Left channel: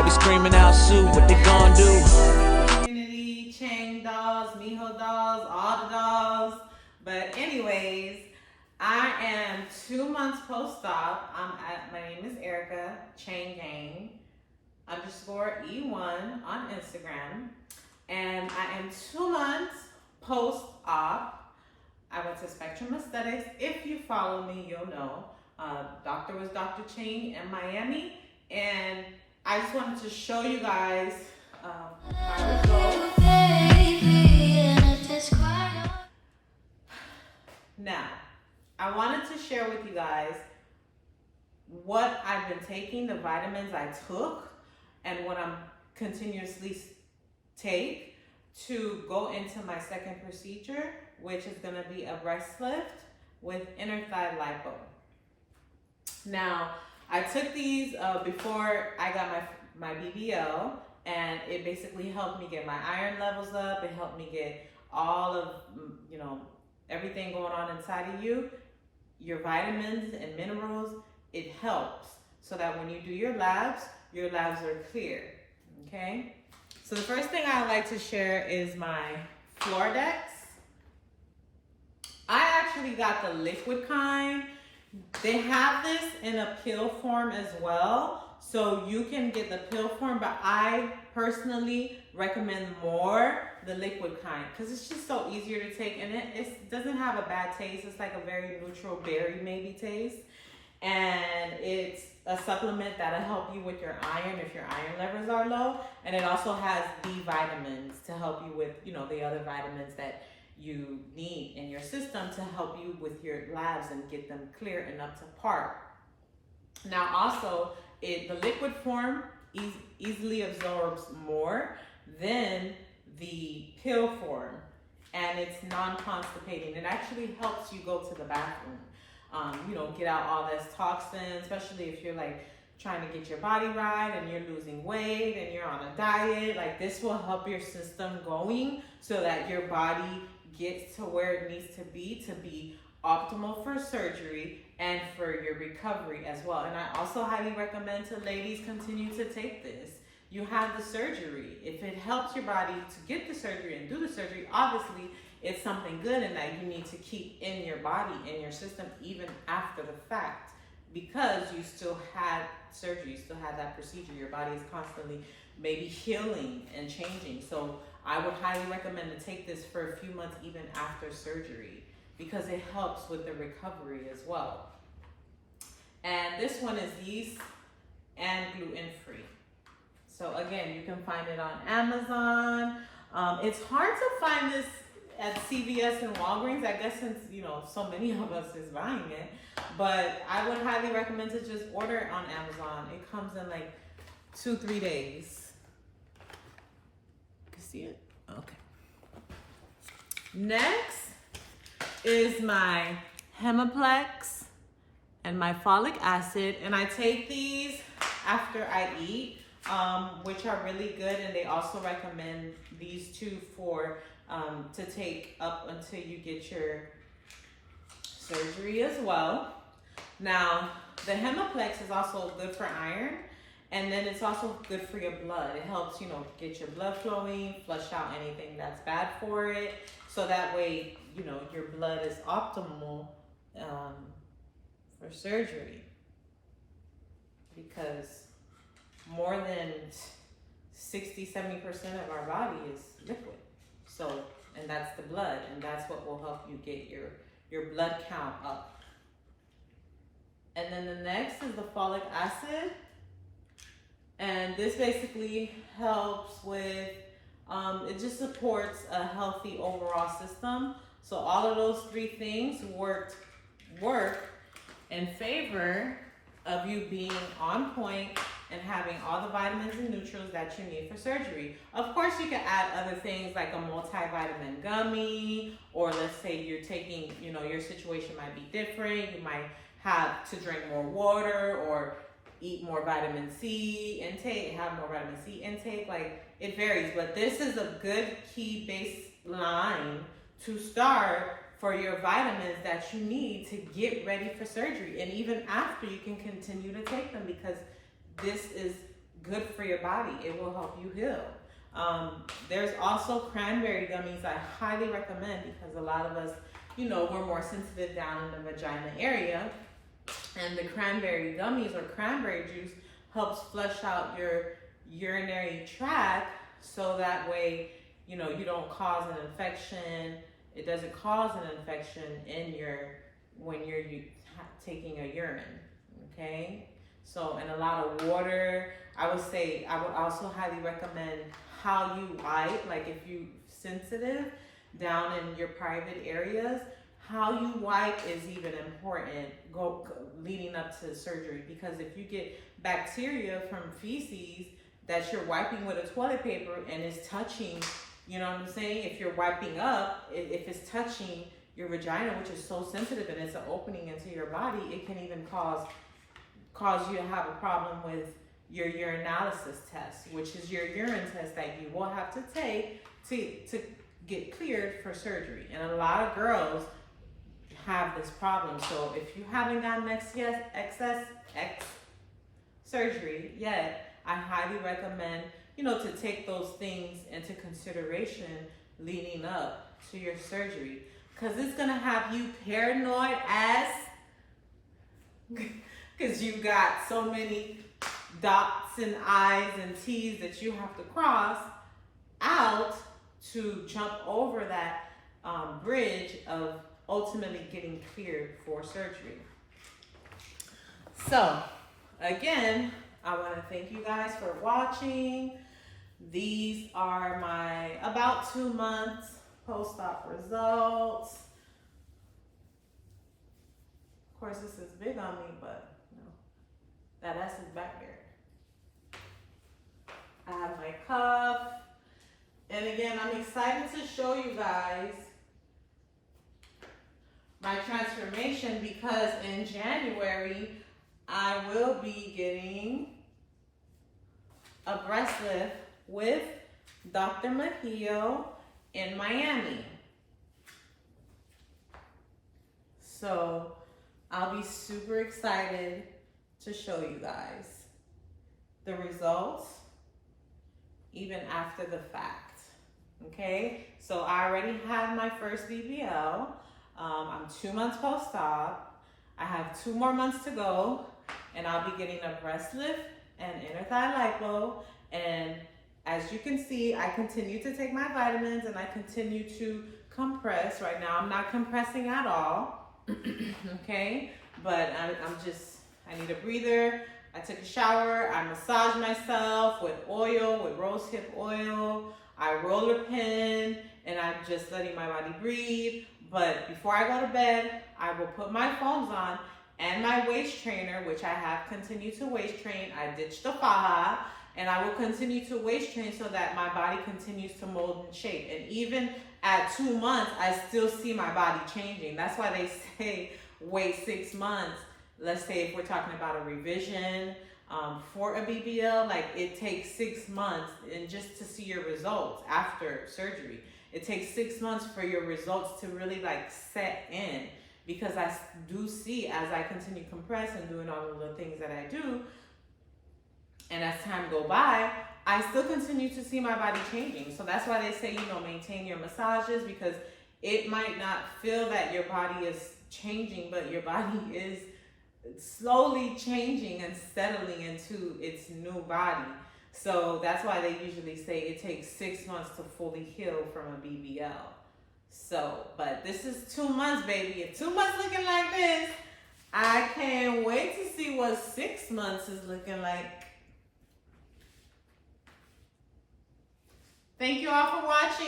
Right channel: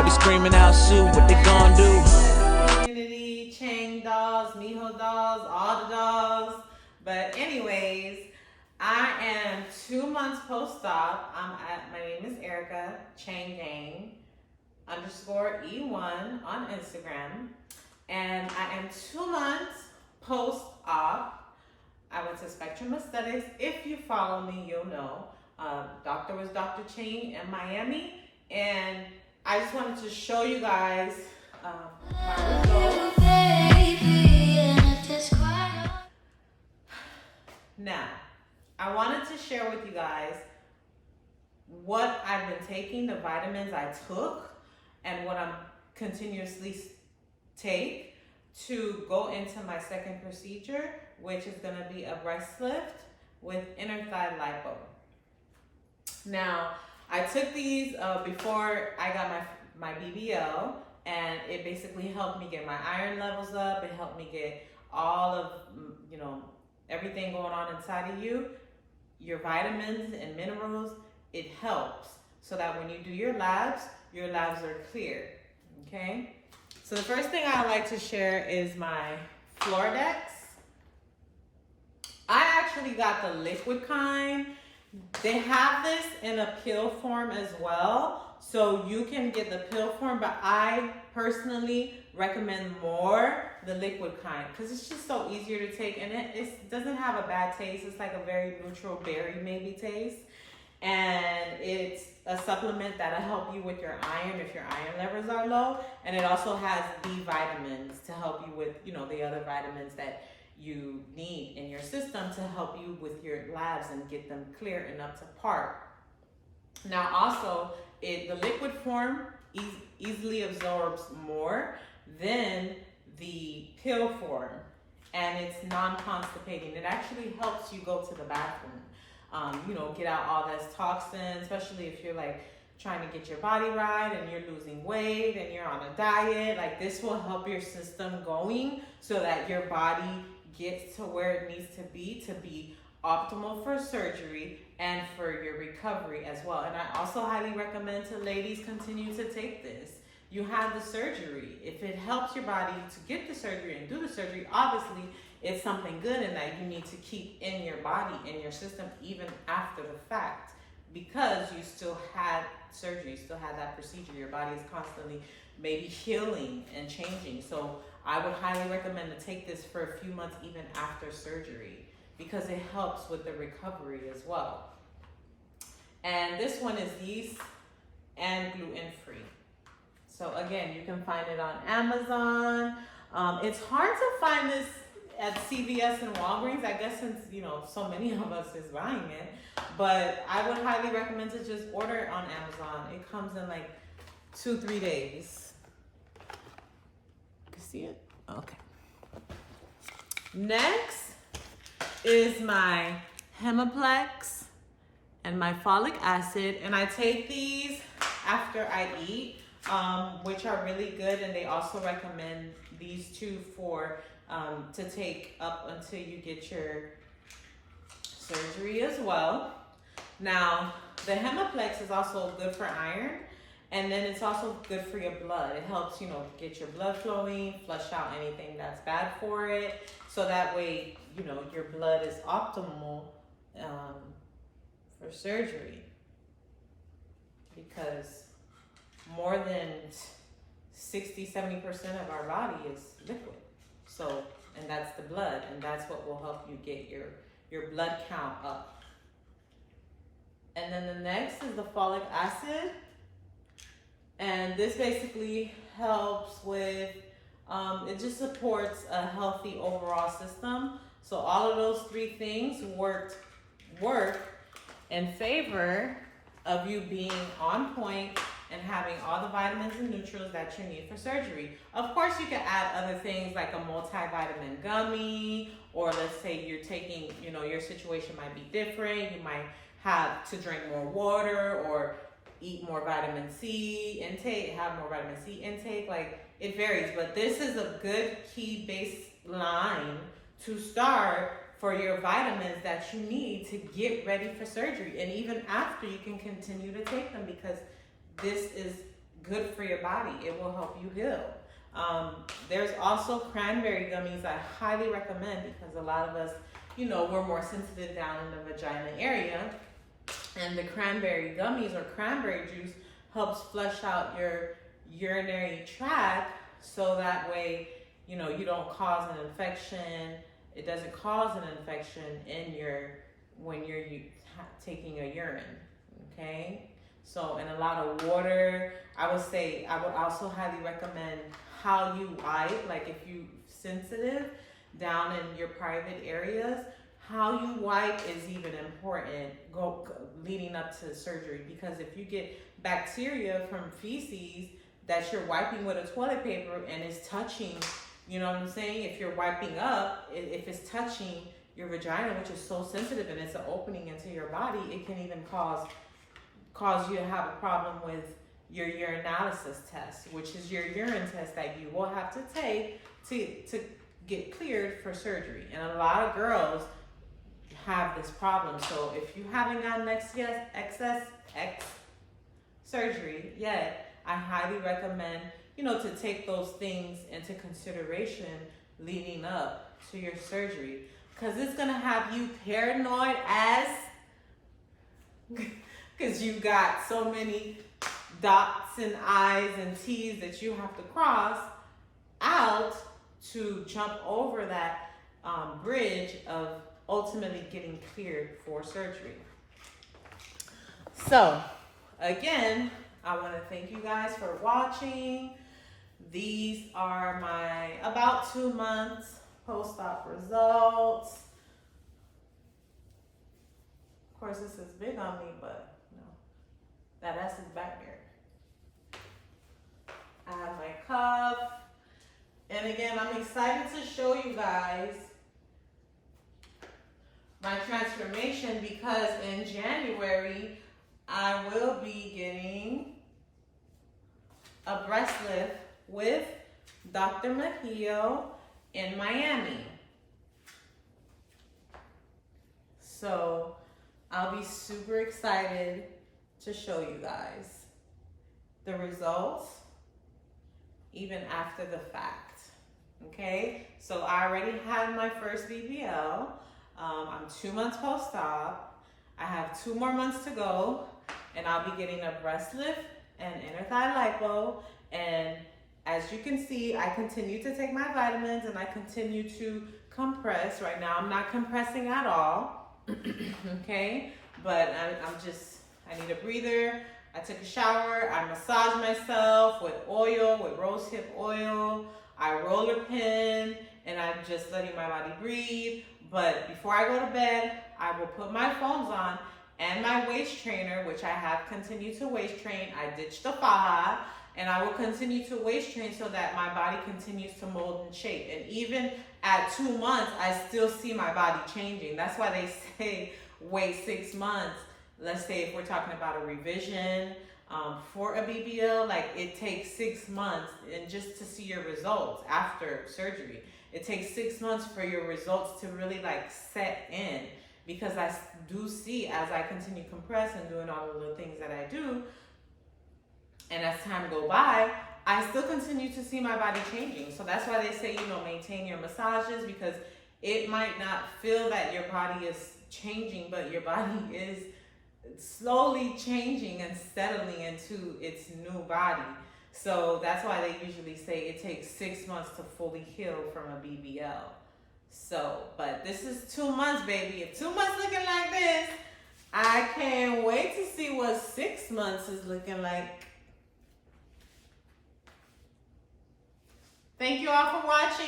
They be screaming out, Sue, what they gonna do? Community, Chang dolls, Miho dolls, all the dolls. But anyways, I am 2 months post-op. My name is Erica, Chang Gang _E1 on Instagram. And I am 2 months post-op. I went to Spectrum Aesthetics. If you follow me, you'll know. Doctor was Dr. Chang in Miami. And I just wanted to show you guys my results. Now, I wanted to share with you guys what I've been taking, the vitamins I took, and what I'm continuously take to go into my second procedure, which is gonna be a breast lift with inner thigh lipo. Now, I took these before I got my BBL, and it basically helped me get my iron levels up. It helped me get all of, everything going on inside of you, your vitamins and minerals. It helps so that when you do your labs are clear, okay? So the first thing I like to share is my Floordex. I actually got the liquid kind. They have this in a pill form as well, so you can get the pill form, but I personally recommend more the liquid kind because it's just so easier to take, and it doesn't have a bad taste. It's like a very neutral berry maybe taste, and it's a supplement that'll help you with your iron if your iron levels are low, and it also has B vitamins to help you with the other vitamins that you need in your system to help you with your labs and get them clear and up to par. Now also, the liquid form easily absorbs more than the pill form, and it's non-constipating. It actually helps you go to the bathroom, get out all this toxin, especially if you're like trying to get your body right and you're losing weight and you're on a diet. Like, this will help your system going so that your body gets to where it needs to be optimal for surgery and for your recovery as well. And I also highly recommend to ladies continue to take this. You have the surgery. If it helps your body to get the surgery and do the surgery, obviously it's something good and that you need to keep in your body, in your system, even after the fact, because you still had surgery, you still had that procedure. Your body is constantly maybe healing and changing. So I would highly recommend to take this for a few months even after surgery because it helps with the recovery as well. And this one is yeast and gluten-free. So again, you can find it on Amazon. It's hard to find this at CVS and Walgreens, I guess, since so many of us is buying it. But I would highly recommend to just order it on Amazon. It comes in like 2-3 days. You see it? Okay. Next is my Hemaplex and my folic acid, and I take these after I eat, which are really good, and they also recommend these two for to take up until you get your surgery as well. Now, the Hemaplex is also good for iron, and then it's also good for your blood. It helps, get your blood flowing, flush out anything that's bad for it, so that way, your blood is optimal for surgery, because more than 60-70% of our body is liquid. So, and that's the blood, and that's what will help you get your blood count up. And then the next is the folic acid, and this basically helps with it just supports a healthy overall system. So all of those three things work in favor of you being on point and having all the vitamins and nutrients that you need for surgery. Of course, you can add other things like a multivitamin gummy, or let's say you're taking, your situation might be different. You might have to drink more water or eat more vitamin C intake, have more vitamin C intake. Like, it varies, but this is a good key baseline to start for your vitamins that you need to get ready for surgery. And even after, you can continue to take them, because this is good for your body. It will help you heal. There's also cranberry gummies I highly recommend because a lot of us, we're more sensitive down in the vagina area. And the cranberry gummies or cranberry juice helps flush out your urinary tract so that way, you don't cause an infection. It doesn't cause an infection when you're taking a urine, okay? So, and a lot of water. I would also highly recommend how you wipe, like if you're sensitive down in your private areas, how you wipe is even important leading up to surgery, because if you get bacteria from feces that you're wiping with a toilet paper and it's touching, you know what I'm saying? If you're wiping up, if it's touching your vagina, which is so sensitive and it's an opening into your body, it can even cause you to have a problem with your urinalysis test, which is your urine test that you will have to take to get cleared for surgery. And a lot of girls have this problem. So if you haven't gotten excess surgery yet, I highly recommend, to take those things into consideration leading up to your surgery, because it's gonna have you paranoid as because you got so many dots and I's and T's that you have to cross out to jump over that bridge of ultimately getting cleared for surgery. So again, I want to thank you guys for watching. These are my about 2 months post-op results. Of course, this is big on me, but that S is back there. I have my cuff. And again, I'm excited to show you guys my transformation, because in January, I will be getting a breast lift with Dr. Mejio in Miami. So I'll be super excited to show you guys the results even after the fact. Okay, so I already had my first BBL. I'm 2 months post-op. I have 2 more months to go, and I'll be getting a breast lift and inner thigh lipo. And as you can see, I continue to take my vitamins and I continue to compress. Right now, I'm not compressing at all, okay? But I need a breather. I took a shower. I massage myself with oil, with rosehip oil. I roller pin, and I'm just letting my body breathe. But before I go to bed, I will put my foams on and my waist trainer, which I have continued to waist train. I ditched the faja, and I will continue to waist train so that my body continues to mold and shape. And even at 2 months, I still see my body changing. That's why they say wait 6 months. Let's say if we're talking about a revision for a BBL, like it takes 6 months and just to see your results after surgery. It takes 6 months for your results to really like set in, because I do see as I continue to compress and doing all of the things that I do, and as time go by, I still continue to see my body changing. So that's why they say, maintain your massages, because it might not feel that your body is changing, but your body is slowly changing and settling into its new body. So that's why they usually say it takes 6 months to fully heal from a BBL. So, but this is 2 months, baby. If 2 months looking like this, I can't wait to see what 6 months is looking like. Thank you all for watching.